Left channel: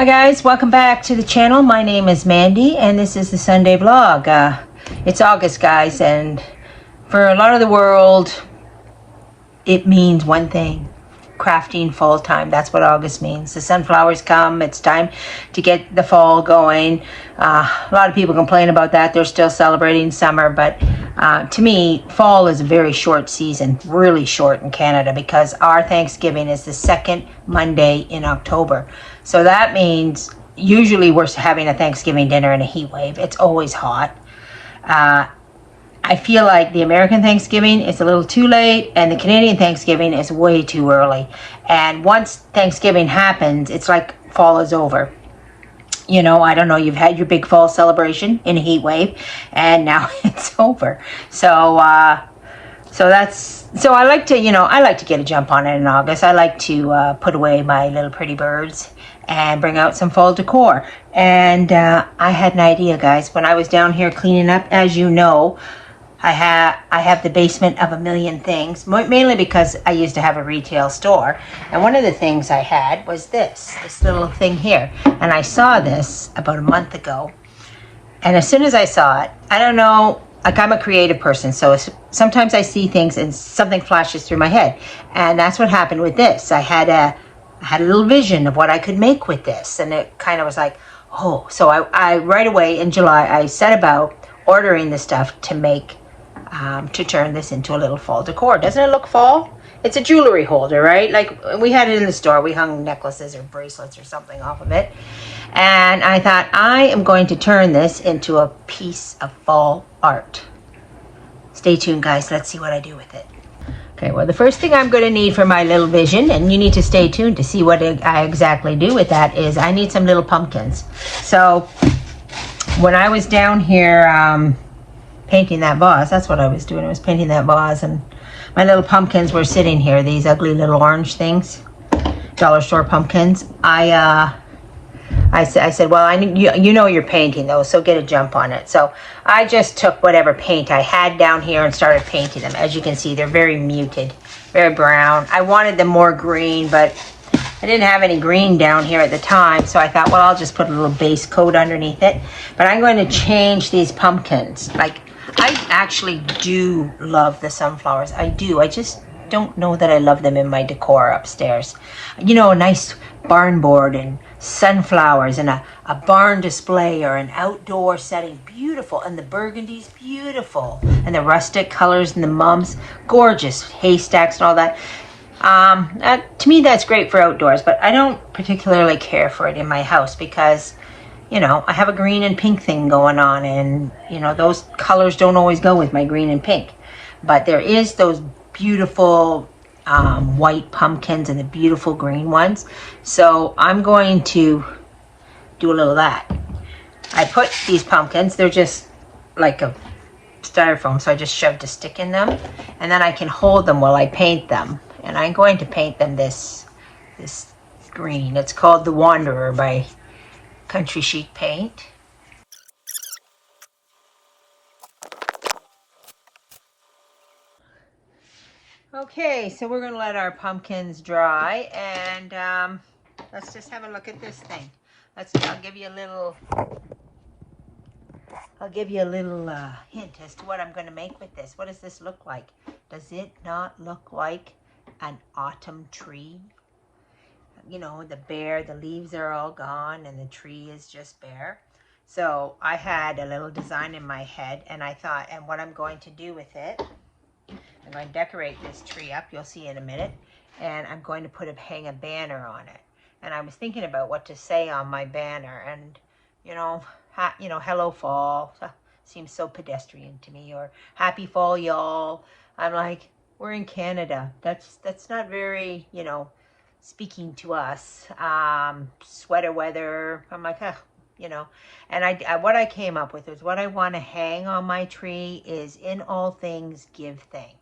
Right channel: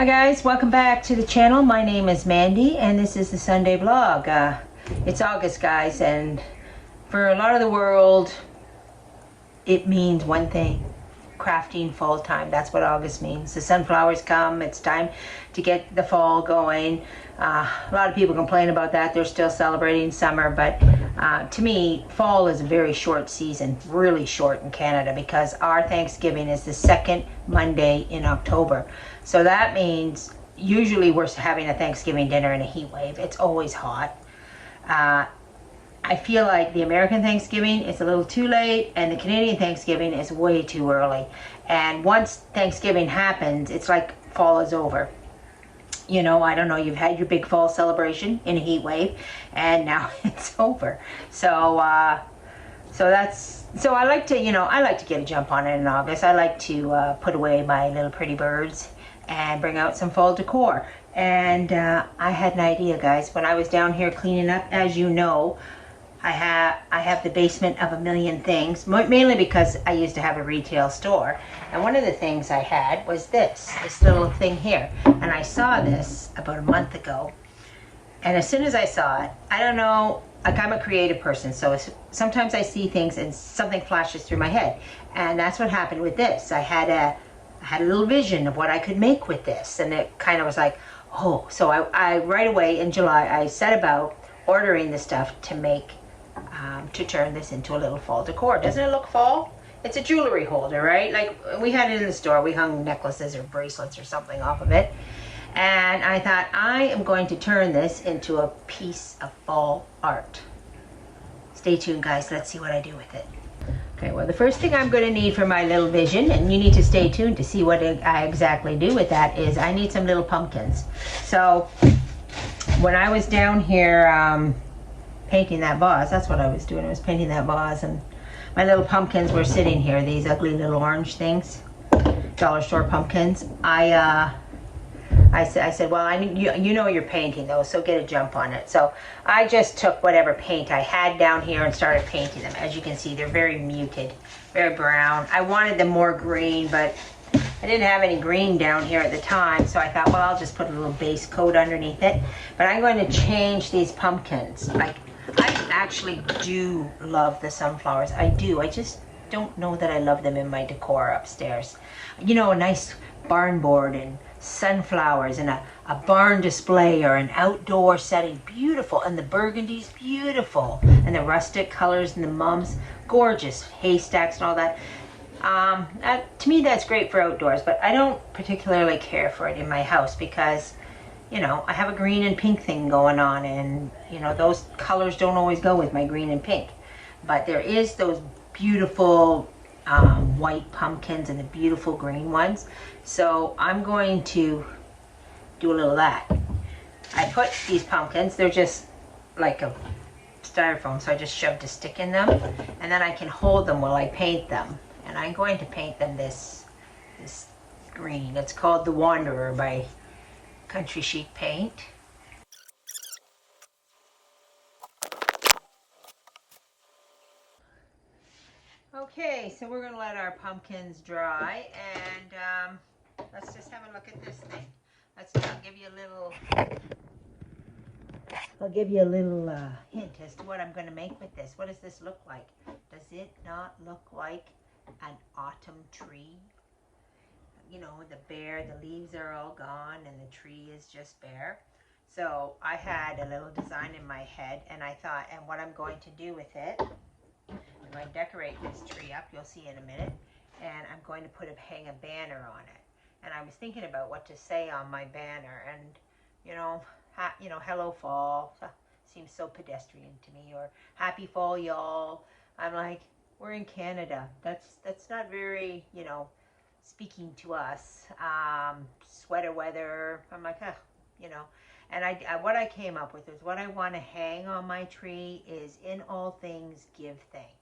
Hi guys, welcome back to the channel. My name is Mandy and this is the Sunday vlog. It's August, guys, and for a lot of the world it means one thing: crafting fall time. That's what August means. The sunflowers come, it's time to get the fall going. A lot of people complain about that. They're still celebrating summer, but to me, fall is a very short season, really short in Canada, because our Thanksgiving is the second Monday in October. So that means usually we're having a Thanksgiving dinner in a heat wave. It's always hot. I feel like the American Thanksgiving is a little too late and the Canadian Thanksgiving is way too early. And once Thanksgiving happens, it's like fall is over. You know, I don't know, you've had your big fall celebration in a heat wave and now it's over. So I like to, I like to get a jump on it in August. I like to put away my little pretty birds and bring out some fall decor. And I had an idea, guys. When I was down here cleaning up, as you know, I have the basement of a million things, mainly because I used to have a retail store. And one of the things I had was this little thing here. And I saw this about a month ago. And as soon as I saw it, I don't know, like, I'm a creative person, so sometimes I see things and something flashes through my head. And that's what happened with this. I had a little vision of what I could make with this. And it kind of was like, oh. So I right away in July, I set about ordering the stuff to make, to turn this into a little fall decor. Doesn't it look fall? It's a jewelry holder, right? Like, we had it in the store. We hung necklaces or bracelets or something off of it. And I thought, I am going to turn this into a piece of fall art. Stay tuned, guys. Let's see what I do with it. Okay, well, the first thing I'm going to need for my little vision, and you need to stay tuned to see what I exactly do with that, is I need some little pumpkins. So when I was down here painting that vase, that's what I was doing. I was painting that vase, and my little pumpkins were sitting here, these ugly little orange things, dollar store pumpkins. I said, well, you know you're painting those, so get a jump on it. So I just took whatever paint I had down here and started painting them. As you can see, they're very muted, very brown. I wanted them more green, but I didn't have any green down here at the time, so I thought, well, I'll just put a little base coat underneath it. But I'm going to change these pumpkins. Like, I actually do love the sunflowers. I do. I just don't know that I love them in my decor upstairs. You know, a nice barn board and sunflowers and a barn display or an outdoor setting, beautiful. And the burgundy's beautiful, and the rustic colors and the mums, gorgeous haystacks and all that. To me, that's great for outdoors, but I don't particularly care for it in my house because, you know, I have a green and pink thing going on, and, you know, those colors don't always go with my green and pink. But there is those beautiful white pumpkins and the beautiful green ones. So I'm going to do a little of that. I put these pumpkins, they're just like a styrofoam, so I just shoved a stick in them, and then I can hold them while I paint them. And I'm going to paint them this green. It's called The Wanderer by Country Chic Paint. Okay, so we're going to let our pumpkins dry, and let's just have a look at this thing. I'll give you a little hint as to what I'm going to make with this. What does this look like? Does it not look like an autumn tree? You know, the leaves are all gone and the tree is just bare. So I had a little design in my head, and I thought, and what I'm going to do with it, I'm going to decorate this tree up, you'll see in a minute, and I'm going to hang a banner on it. And I was thinking about what to say on my banner, and, hello fall, seems so pedestrian to me, or happy fall, y'all. I'm like, we're in Canada. That's not very, speaking to us. Sweater weather. I'm like, and what I came up with is what I want to hang on my tree is, in all things, give thanks.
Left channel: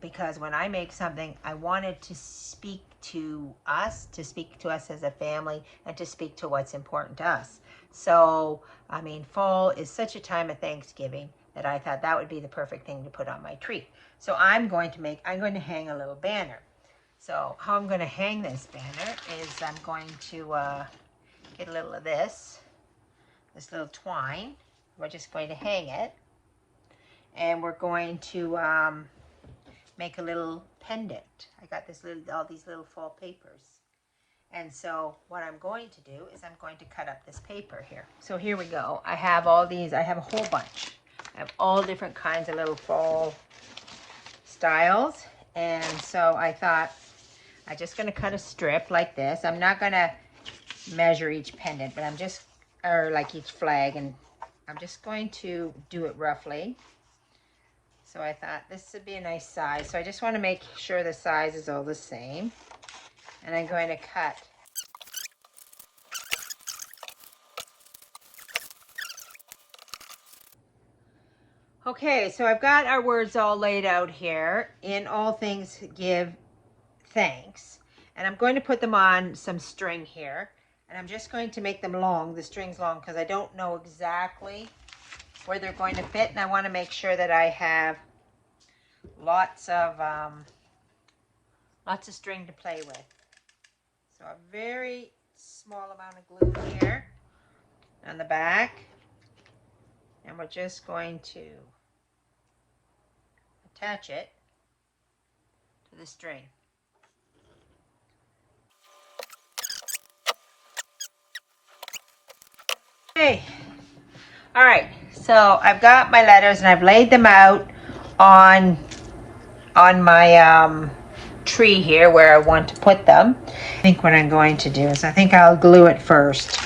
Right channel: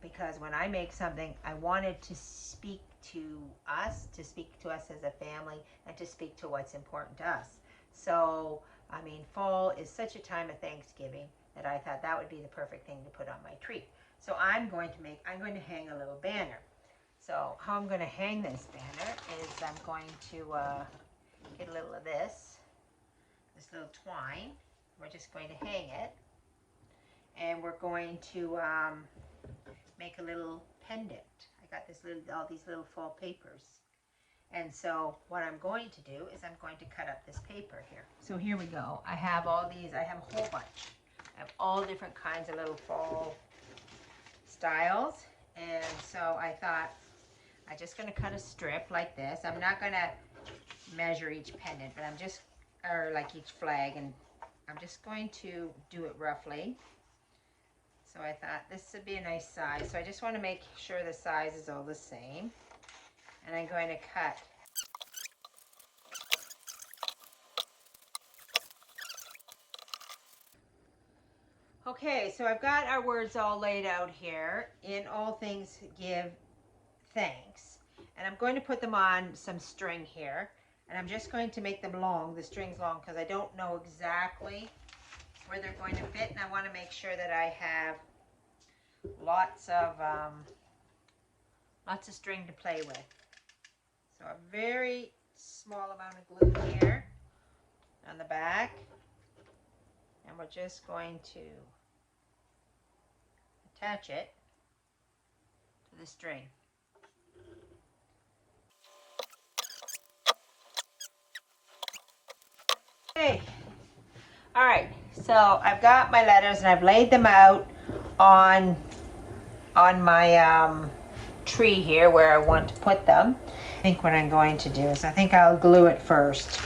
Because when I make something, I want it to speak to us as a family, and to speak to what's important to us. So, I mean, fall is such a time of Thanksgiving that I thought that would be the perfect thing to put on my tree. So I'm going to hang a little banner. So how I'm going to hang this banner is I'm going to get a little of this little twine. We're just going to hang it, and we're going to make a little pendant. I got all these little fall papers. And so what I'm going to do is I'm going to cut up this paper here. So here we go. I have all these, I have a whole bunch. I have all different kinds of little fall styles. And so I thought I'm just gonna cut a strip like this. I'm not gonna measure each pendant, but or like each flag, and I'm just going to do it roughly. So I thought this would be a nice size. So I just want to make sure the size is all the same. And I'm going to cut. Okay, so I've got our words all laid out here. In all things give thanks. And I'm going to put them on some string here. And I'm just going to make them long, the strings long, because I don't know exactly where they're going to fit. And I want to make sure that I have lots of string to play with. So a very small amount of glue here on the back, and we're just going to attach it to the string. Okay, all right, so I've got my letters and I've laid them out on my tree here where I want to put them. I think what I'm going to do is I think I'll glue it first,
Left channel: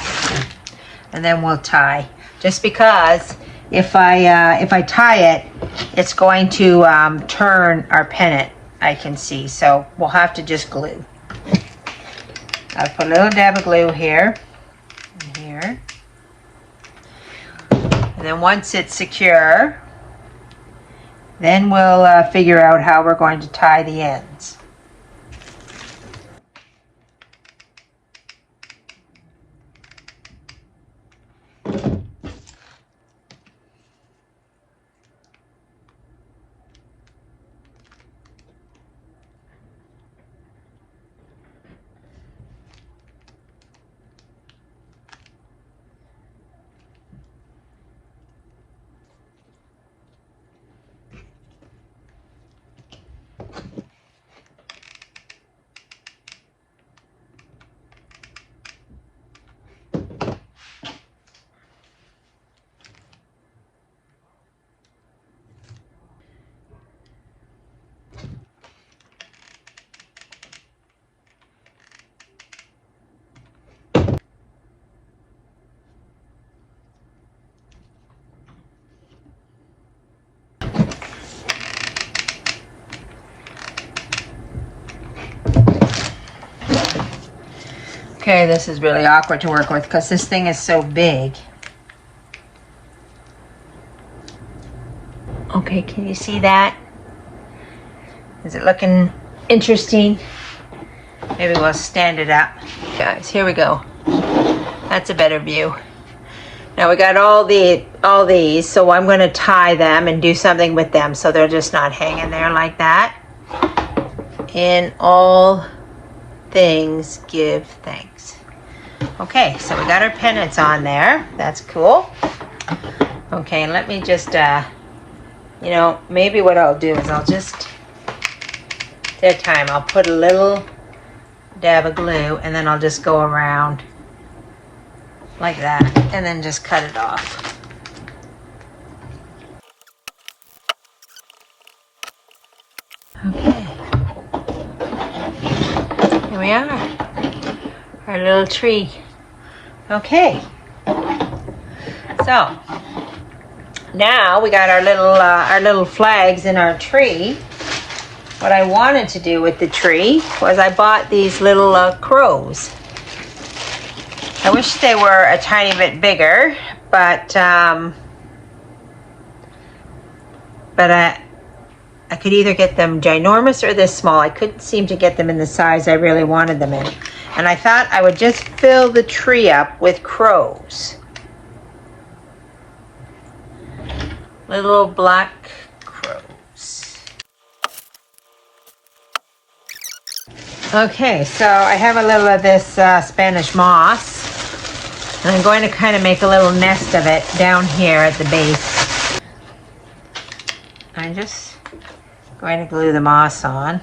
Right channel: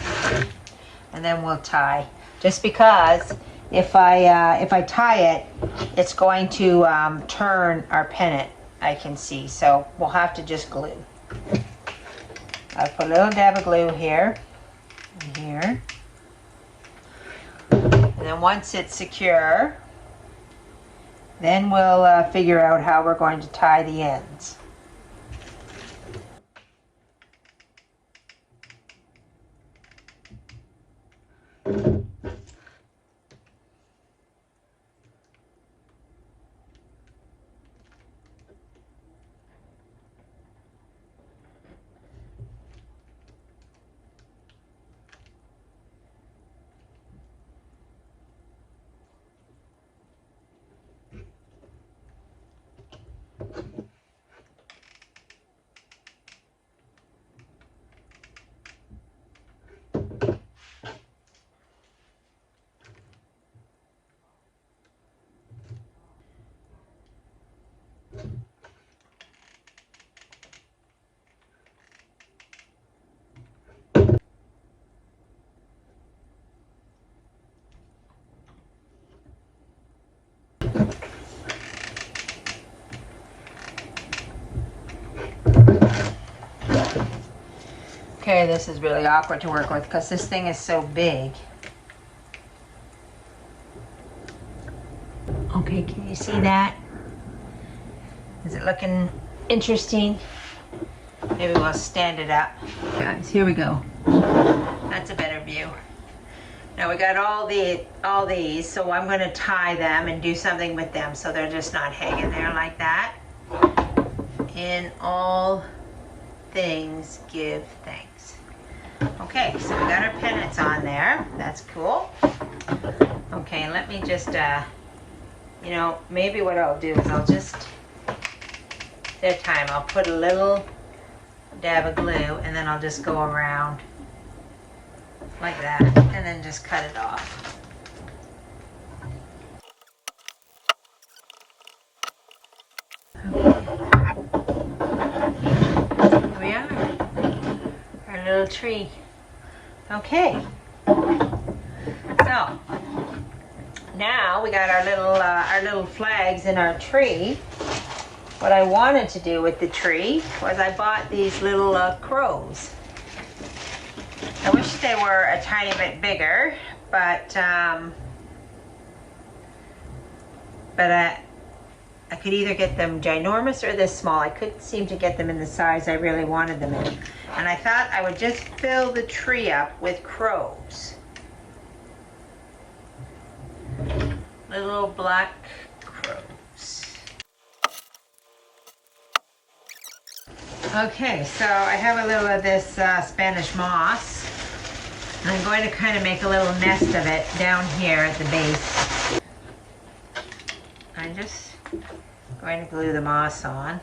and then we'll tie. Just because if I tie it, it's going to turn our pennant, I can see. So we'll have to just glue. I'll put a little dab of glue here and here. And then once it's secure, then we'll figure out how we're going to tie the ends. Okay, this is really awkward to work with because this thing is so big. Okay, can you see that? Is it looking interesting? Maybe we'll stand it up. Guys, here we go. That's a better view. Now we got all these, so I'm going to tie them and do something with them so they're just not hanging there like that. In all things give thanks. Okay, so we got our pennants on there. That's cool. Okay, let me just maybe what I'll do is I'll just that time I'll put a little dab of glue, and then I'll just go around like that and then just cut it off. Okay, here we are, our little tree. Okay, so now we got our little flags in our tree. What I wanted to do with the tree was I bought these little crows. I wish they were a tiny bit bigger, but I could either get them ginormous or this small. I couldn't seem to get them in the size I really wanted them in. And I thought I would just fill the tree up with crows. Little black crows. Okay, so I have a little of this Spanish moss, and I'm going to kind of make a little nest of it down here at the base. I'm just going to glue the moss on.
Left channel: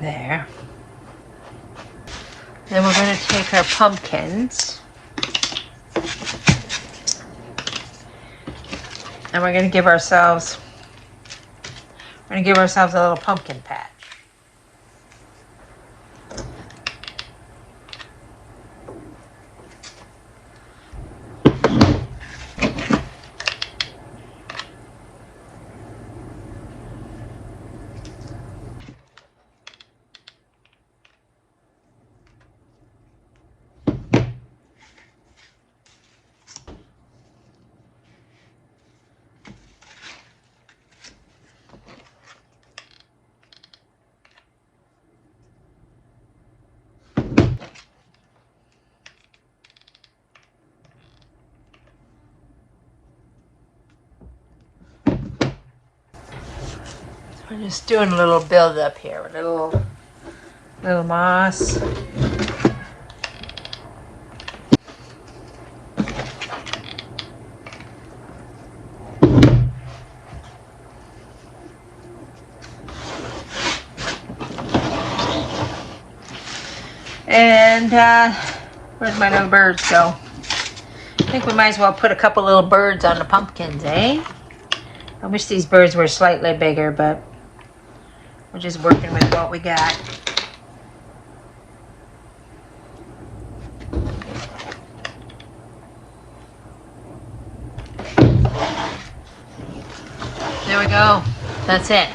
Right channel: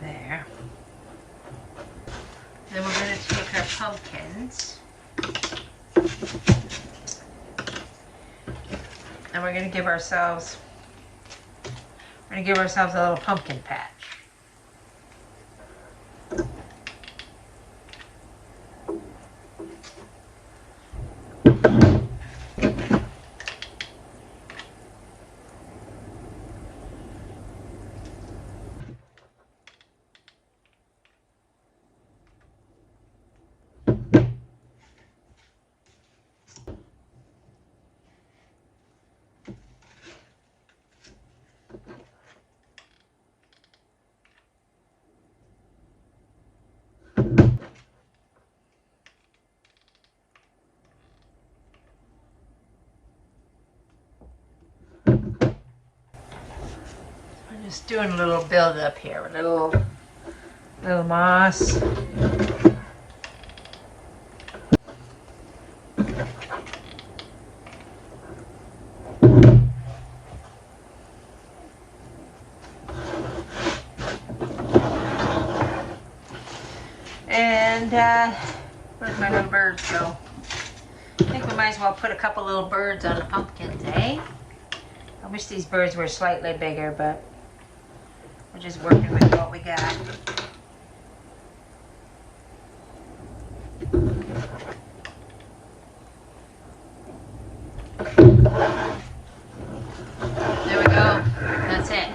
There. Then we're going to take our pumpkins, and we're going to give ourselves a little pumpkin patch. We're just doing a little build up here, a little moss. And where's my little birds go? I think we might as well put a couple little birds on the pumpkins, eh? I wish these birds were slightly bigger, but we're just working with what we got. There we go. That's it.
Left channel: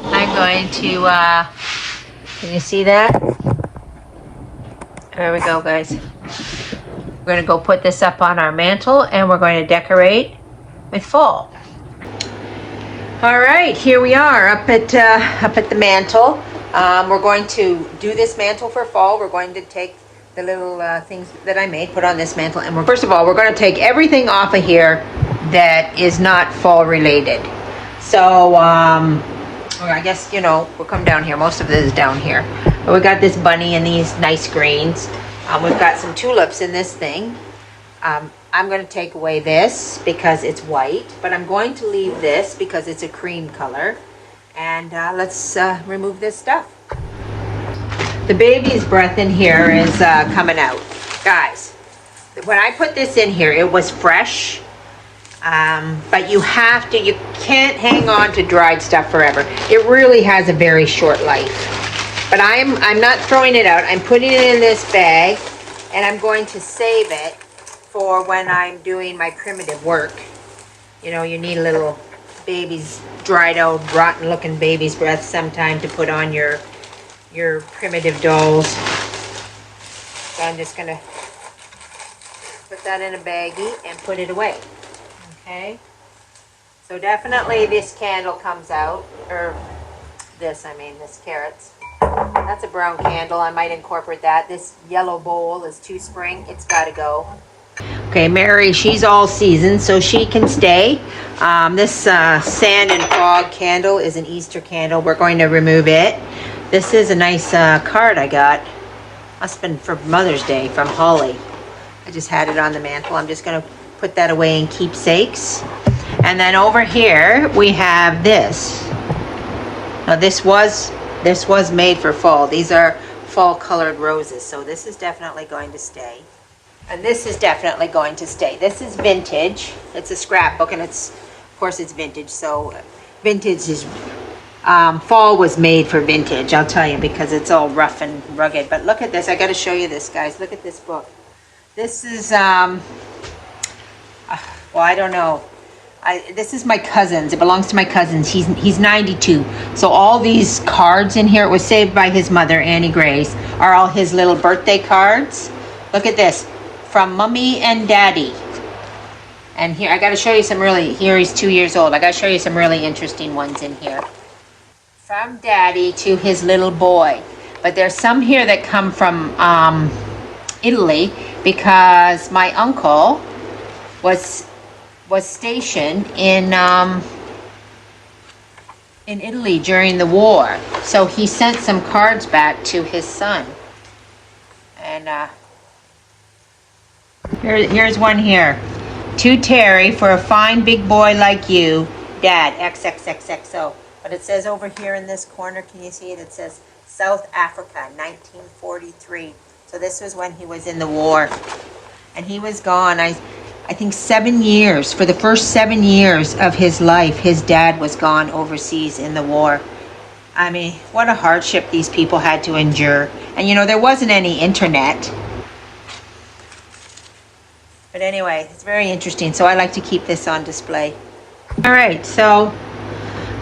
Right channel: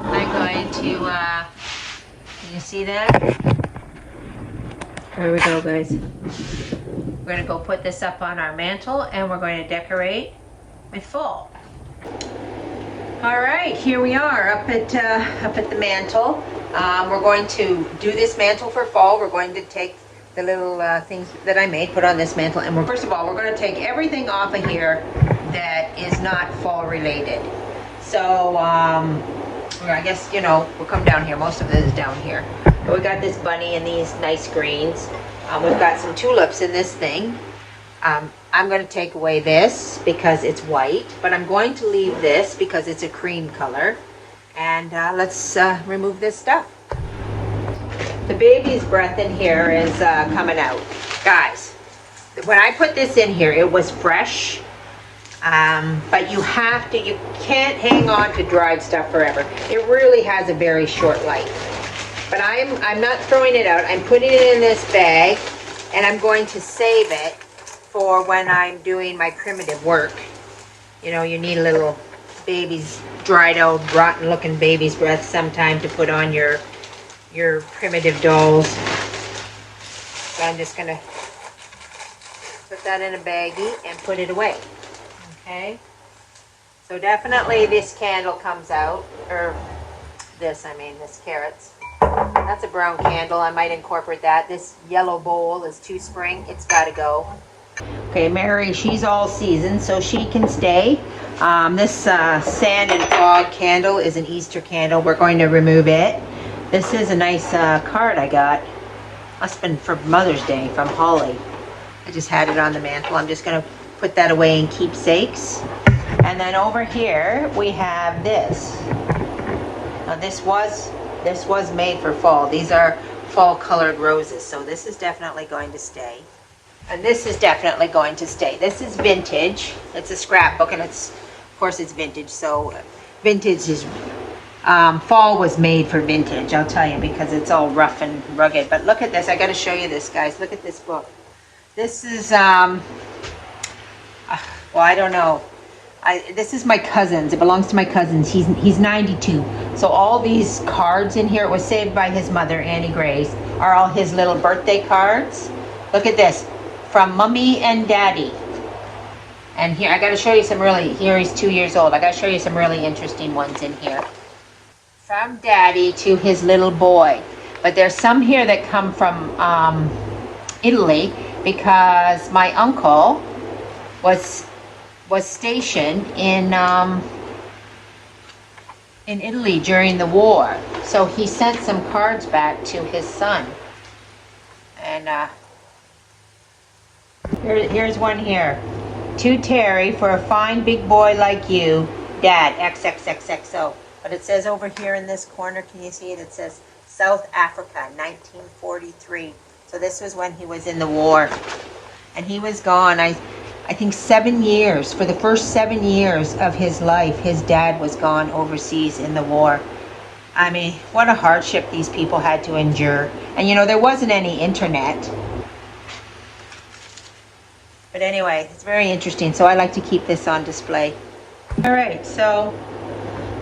I'm going to, can you see that? There we go, guys. We're going to go put this up on our mantle, and we're going to decorate with fall. All right, here we are up at the mantle. We're going to do this mantle for fall. We're going to take the little things that I made, put on this mantle, and first of all, we're going to take everything off of here that is not fall related. So, or I guess, you know, we'll come down here. Most of it is down here. But we got this bunny and these nice greens. We've got some tulips in this thing. I'm going to take away this because it's white, but I'm going to leave this because it's a cream color. And let's remove this stuff. The baby's breath in here is coming out. Guys, when I put this in here, it was fresh. But you can't hang on to dried stuff forever. It really has a very short life. But I'm not throwing it out. I'm putting it in this bag, and I'm going to save it for when I'm doing my primitive work. You know, you need a little baby's dried out, rotten looking baby's breath sometime to put on your primitive dolls. So I'm just gonna put that in a baggie and put it away. Okay, so definitely this candle comes out, or this carrots. That's a brown candle. I might incorporate that. This yellow bowl is too spring. It's got to go. Okay, Mary, she's all season, so she can stay. This sand and fog candle is an Easter candle. We're going to remove it. This is a nice card I got. Must have been for Mother's Day from Holly. I just had it on the mantle. I'm just going to put that away in keepsakes. And then over here we have this. Now this was made for fall. These are fall colored roses, so this is definitely going to stay. And this is definitely going to stay. This is vintage. It's a scrapbook, and of course it's vintage. So vintage is fall was made for vintage. I'll tell you, because it's all rough and rugged. But look at this. I got to show you this, guys. Look at this book. This is well, I don't know. This is my cousin's. It belongs to my cousin's. He's 92. So all these cards in here, it was saved by his mother, Annie Grace, are all his little birthday cards. Look at this. From Mommy and Daddy. And here, I got to show you some here he's 2 years old. I got to show you some really interesting ones in here. From Daddy to his little boy. But there's some here that come from Italy, because my uncle was stationed in in Italy during the war. So he sent some cards back to his son. And here's one here. To Terry, for a fine big boy like you, Dad, XXXXO. But it says over here in this corner, can you see it? It says South Africa, 1943. So this was when he was in the war. And he was gone, I think 7 years. For the first 7 years of his life, his dad was gone overseas in the war. I mean, what a hardship these people had to endure. And you know, there wasn't any internet. But anyway, it's very interesting. So I like to keep this on display. All right, so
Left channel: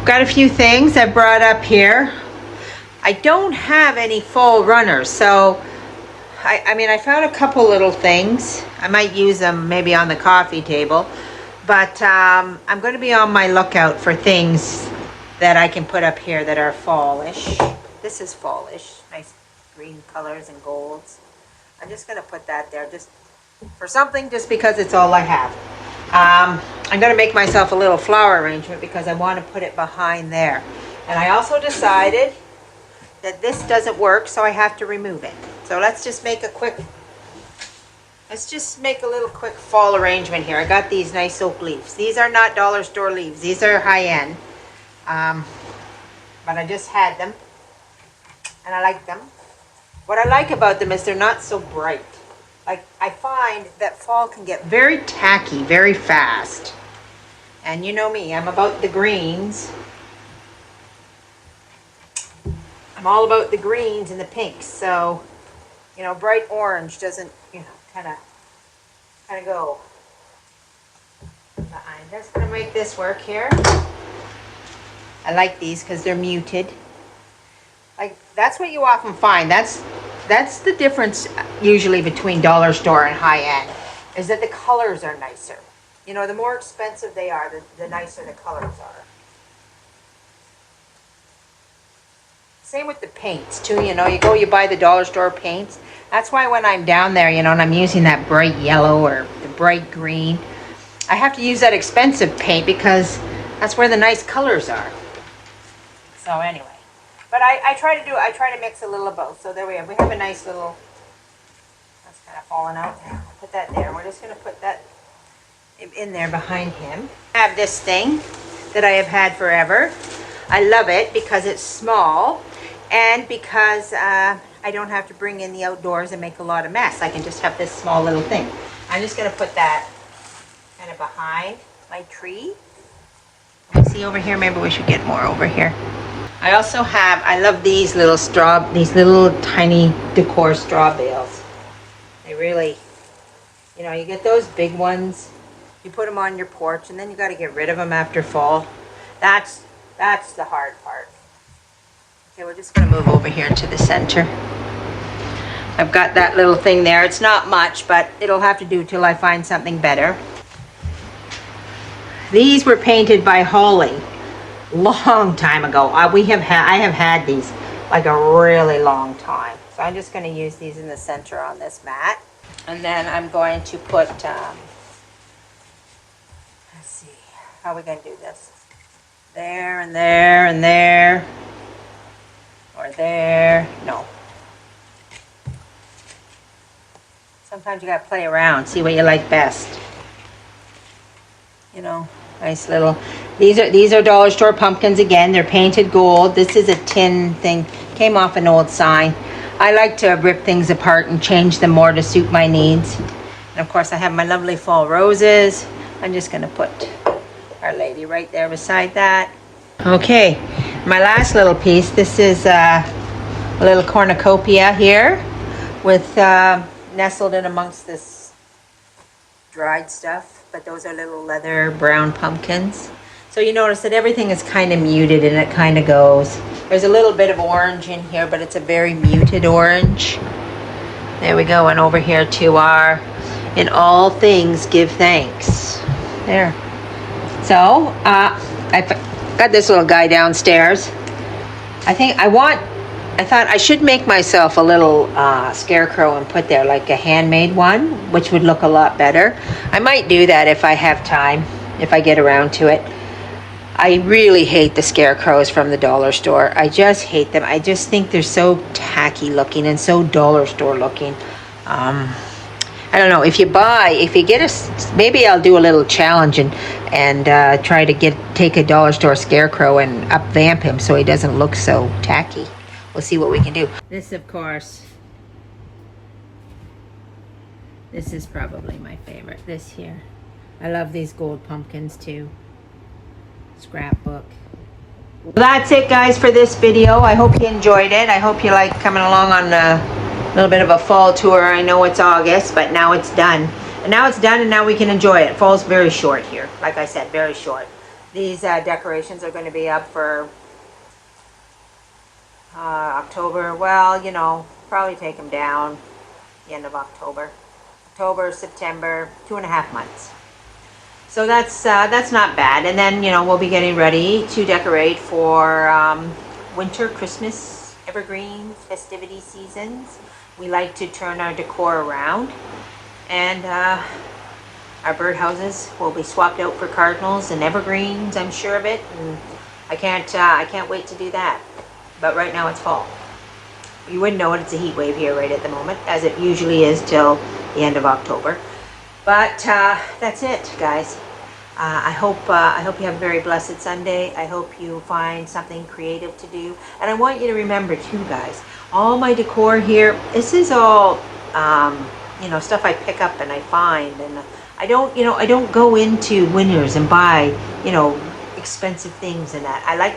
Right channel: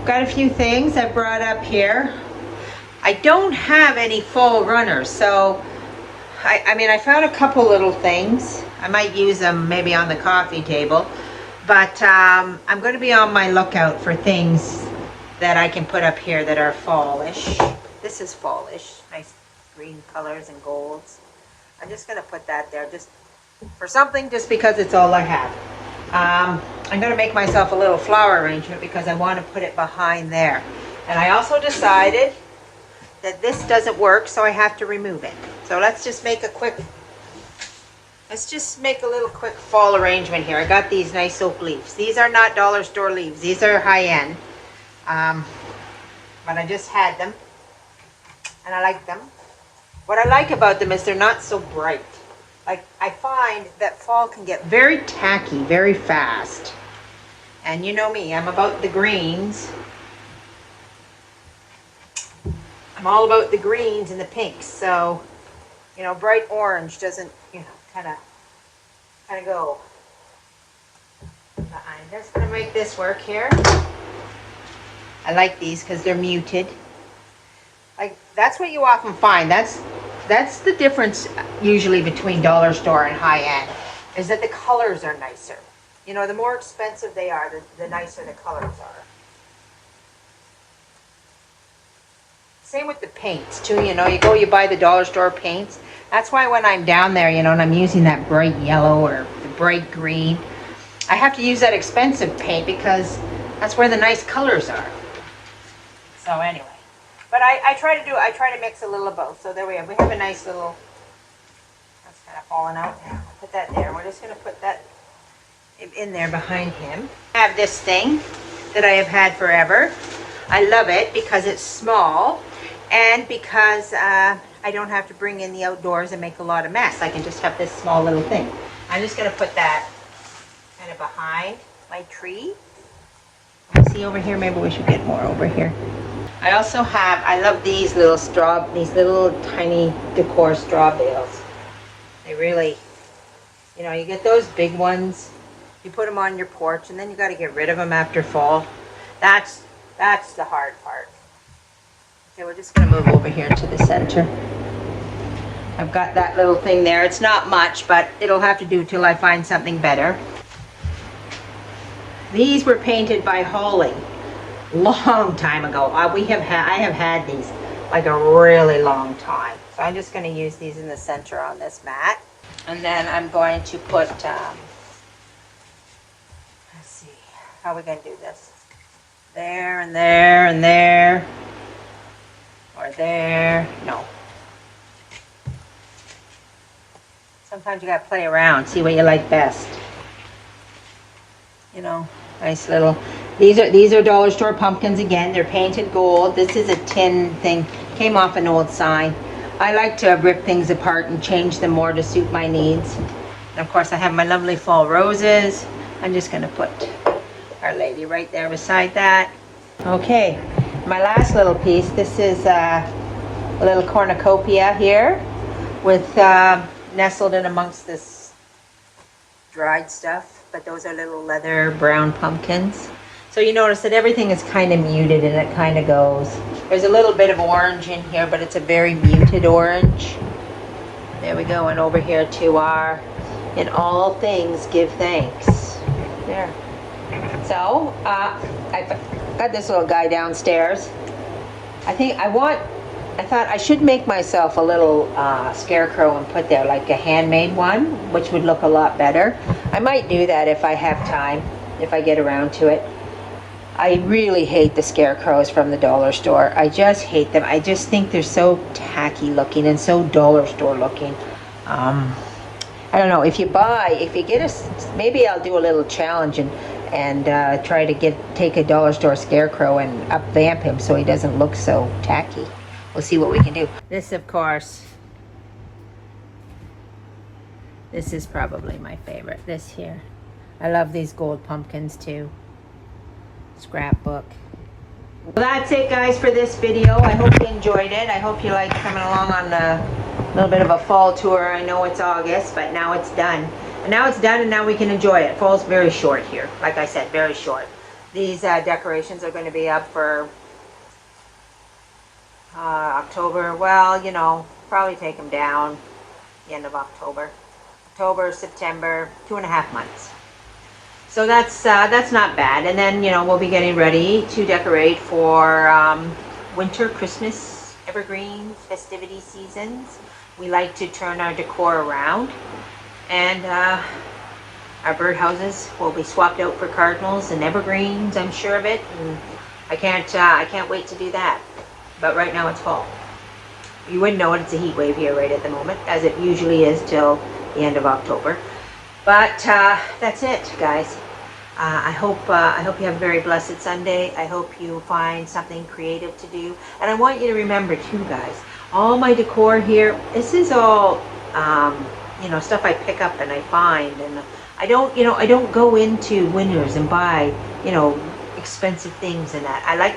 got a few things I brought up here. I don't have any full runners, so I mean, I found a couple little things. I might use them maybe on the coffee table, but I'm going to be on my lookout for things that I can put up here that are fallish. This is fallish, nice green colors and golds. I'm just going to put that there just for something, just because it's all I have. I'm going to make myself a little flower arrangement because I want to put it behind there. And I also decided that this doesn't work, so I have to remove it. So let's just make a little quick fall arrangement here. I got these nice oak leaves. These are not dollar store leaves. These are high-end. But I just had them, and I like them. What I like about them is they're not so bright. Like, I find that fall can get very tacky very fast. And you know me, I'm about the greens. I'm all about the greens and the pinks. So, you know, bright orange doesn't, you know, kind of go behind. Just gonna make this work here. I like these because they're muted. Like, that's what you often find. That's the difference usually between dollar store and high end, is that the colors are nicer. You know, the more expensive they are, the nicer the colors are. Same with the paints too, you know, you buy the dollar store paints. That's why when I'm down there, you know, and I'm using that bright yellow or the bright green, I have to use that expensive paint because that's where the nice colors are. So anyway, but I try to mix a little of both. So there we have a nice little, that's kind of falling out. Put that there. We're just going to put that in there behind him. I have this thing that I have had forever. I love it because it's small and because I don't have to bring in the outdoors and make a lot of mess. I can just have this small little thing. I'm just going to put that kind of behind my tree. See over here, maybe we should get more over here. I also have, I love these little tiny decor straw bales. They really, you know, you get those big ones, you put them on your porch, and then you got to get rid of them after fall. That's the hard part. Okay, we're just going to move over here to the center. I've got that little thing there. It's not much, but it'll have to do till I find something better. These were painted by Holly long time ago. I have had these like a really long time. So I'm just going to use these in the center on this mat. And then I'm going to put, let's see, how are we going to do this? There and there and there. Or there. No. Sometimes you got to play around, see what you like best. You know, nice little, these are dollar store pumpkins again. They're painted gold. This is a tin thing, came off an old sign. I like to rip things apart and change them more to suit my needs. And of course I have my lovely fall roses. I'm just going to put Our Lady right there beside that. Okay, my last little piece, this is a little cornucopia here with nestled in amongst this dried stuff. But those are little leather brown pumpkins. So you notice that everything is kind of muted and it kind of goes. There's a little bit of orange in here, but it's a very muted orange. There we go, and over here to our In All Things Give Thanks. There. So, I've got this little guy downstairs. I thought I should make myself a little scarecrow and put there like a handmade one, which would look a lot better. I might do that if I have time, if I get around to it. I really hate the scarecrows from the dollar store. I just hate them. I just think they're so tacky looking and so dollar store looking. I don't know, if you get maybe I'll do a little challenge and try to take a dollar store scarecrow and up vamp him so he doesn't look so tacky. We'll see what we can do. This, of course, this is probably my favorite, this here. I love these gold pumpkins too. Scrapbook. Well, that's it, guys, for this video. I hope you enjoyed it. I hope you like coming along on a little bit of a fall tour. I know it's August, but now it's done. And now it's done, and now we can enjoy it. Fall's very short here. Like I said, very short. These decorations are going to be up for October. Well, you know, probably take them down the end of October. October, September, 2.5 months. So that's not bad. And then, you know, we'll be getting ready to decorate for winter, Christmas, evergreens, festivity seasons. We like to turn our decor around. And our birdhouses will be swapped out for cardinals and evergreens, I'm sure of it. And I can't wait to do that. But right now it's fall. You wouldn't know it, it's a heat wave here right at the moment, as it usually is till the end of October. But that's it, guys. I hope you have a very blessed Sunday. I hope you find something creative to do. And I want you to remember too, guys, all my decor here, this is all you know, stuff I pick up and I find, and I don't go into Winners and buy, you know, expensive things and that. I like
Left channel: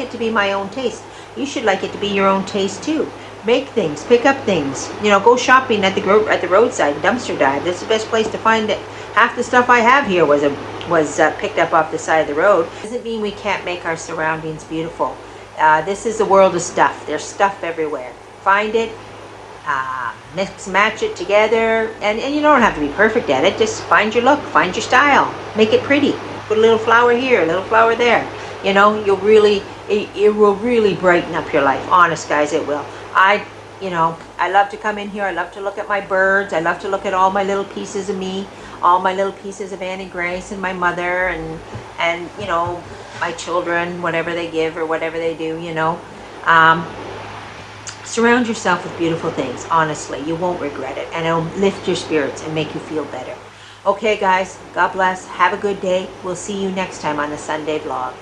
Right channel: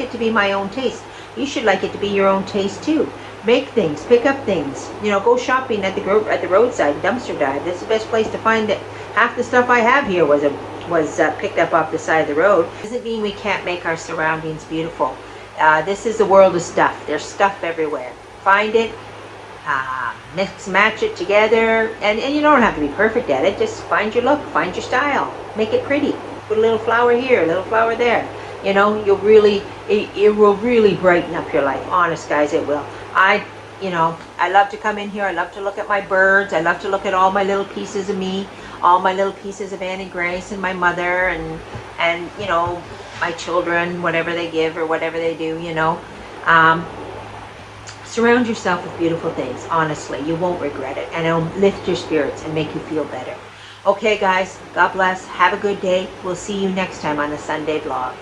it to be my own taste. You should like it to be your own taste too. Make things, pick up things, you know, go shopping at the roadside, dumpster dive. That's the best place to find it. Half the stuff I have here was picked up off the side of the road. Doesn't mean we can't make our surroundings beautiful. This is a world of stuff. There's stuff everywhere. Find it, mix, match it together, and you don't have to be perfect at it. Just find your look, find your style, make it pretty. Put a little flower here, a little flower there. You know, it will really brighten up your life. Honest, guys, it will. I love to come in here. I love to look at my birds. I love to look at all my little pieces of me, all my little pieces of Annie Grace and my mother, and you know, my children, whatever they give or whatever they do, you know. Surround yourself with beautiful things. Honestly, you won't regret it, and it'll lift your spirits and make you feel better. Okay, guys, God bless. Have a good day. We'll see you next time on the Sunday vlog.